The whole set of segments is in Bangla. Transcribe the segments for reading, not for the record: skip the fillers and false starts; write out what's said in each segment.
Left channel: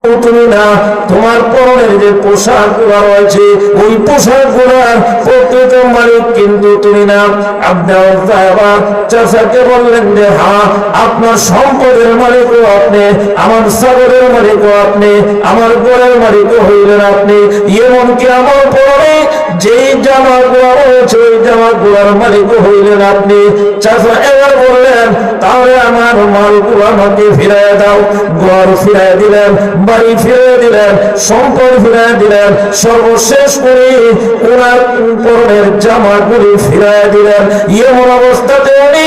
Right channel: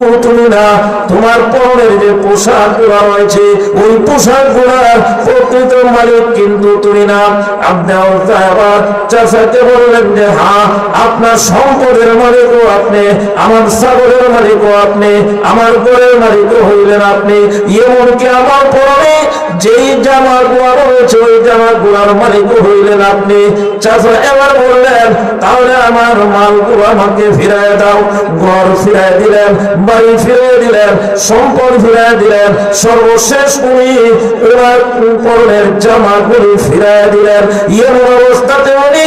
তুমি না, তোমার পরনের যে পোশাক গুলা রয়েছে ওই পোশাক গুলার প্রকৃত মালিক কিন্তু তুমি না। চাচাকে বললেন যে হ্যাঁ, আপনার সম্পদের মালিকও আপনি, আমার ছাগলের মালিকও আপনি, আমার গড়ের মালিকও হইলেন আপনি, এমনকি আমার পরনে যেই জামা গুলা রয়েছে ওই জামা গুলার মালিকও হইলেন আপনি। চাচা এবার বললেন তাহলে আমার মালগুলো আমাকে ফিরায় দাও। ঘর ফিরায় দিলেন, বাড়ি ফিরে দিলেন, সম্পদ ফিরে দিলেন, সর্বশেষ উনি ওনার পরনের জামাগুলি ফিরে দিলেন। এমন অবস্থাতে উনি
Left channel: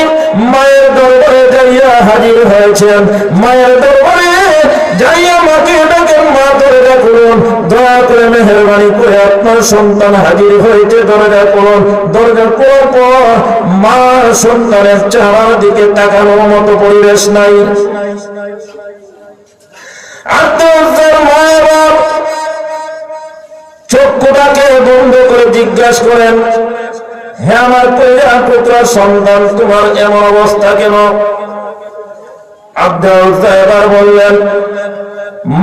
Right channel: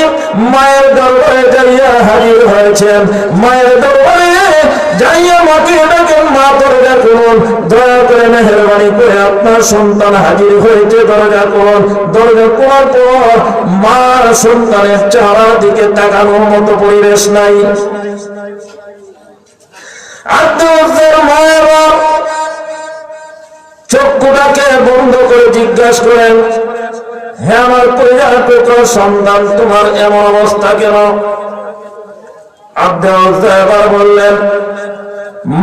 মায়ের দরবারে যাইয়া হাজির হয়েছেন। মায়ের দরবারে যাইয়া মাকে ডাকেন, মা দরজা করুন, দয়া করে মেহেরবানি করে আপনার সন্তান হাজির হয়েছে, দরজা করুন। দরজা করার পর মা সন্তানের চেহারার দিকে তাকানোর মতো পরিবেশ নাই। চক্ষুটাকে বন্ধ করে জিজ্ঞাসা করেন, হে আমার কলিজার টুকরা সন্তান, তোমার এমন অবস্থা কেন? এবার বললেন,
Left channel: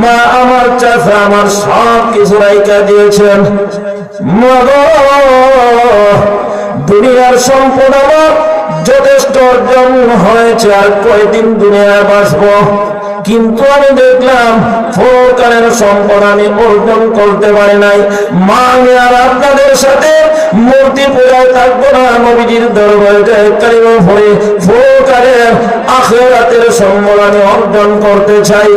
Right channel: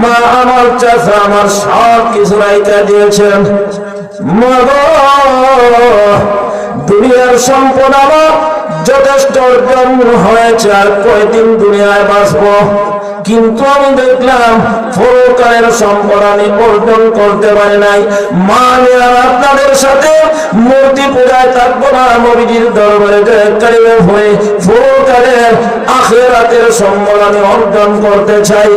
মা আমার চাচা আমার সব কিছু রাইখা দিয়েছেন। মা গো, দুনিয়ার সম্পদ আমার যথেষ্ট অর্জন হয়েছে, আর কয়দিন দুনিয়ায় বাঁচবো, কিন্তু আমি দেখলাম পরকালের সম্পদ আমি অর্জন করতে পারি নাই। মা আমি আর আপনাদের সাথে মূর্তি পূজায় থাকবো না, নবীজির দরবারে কালিমা পড়ে পরকালের আখিরাতের সম্পদ আমি অর্জন করতে চাই।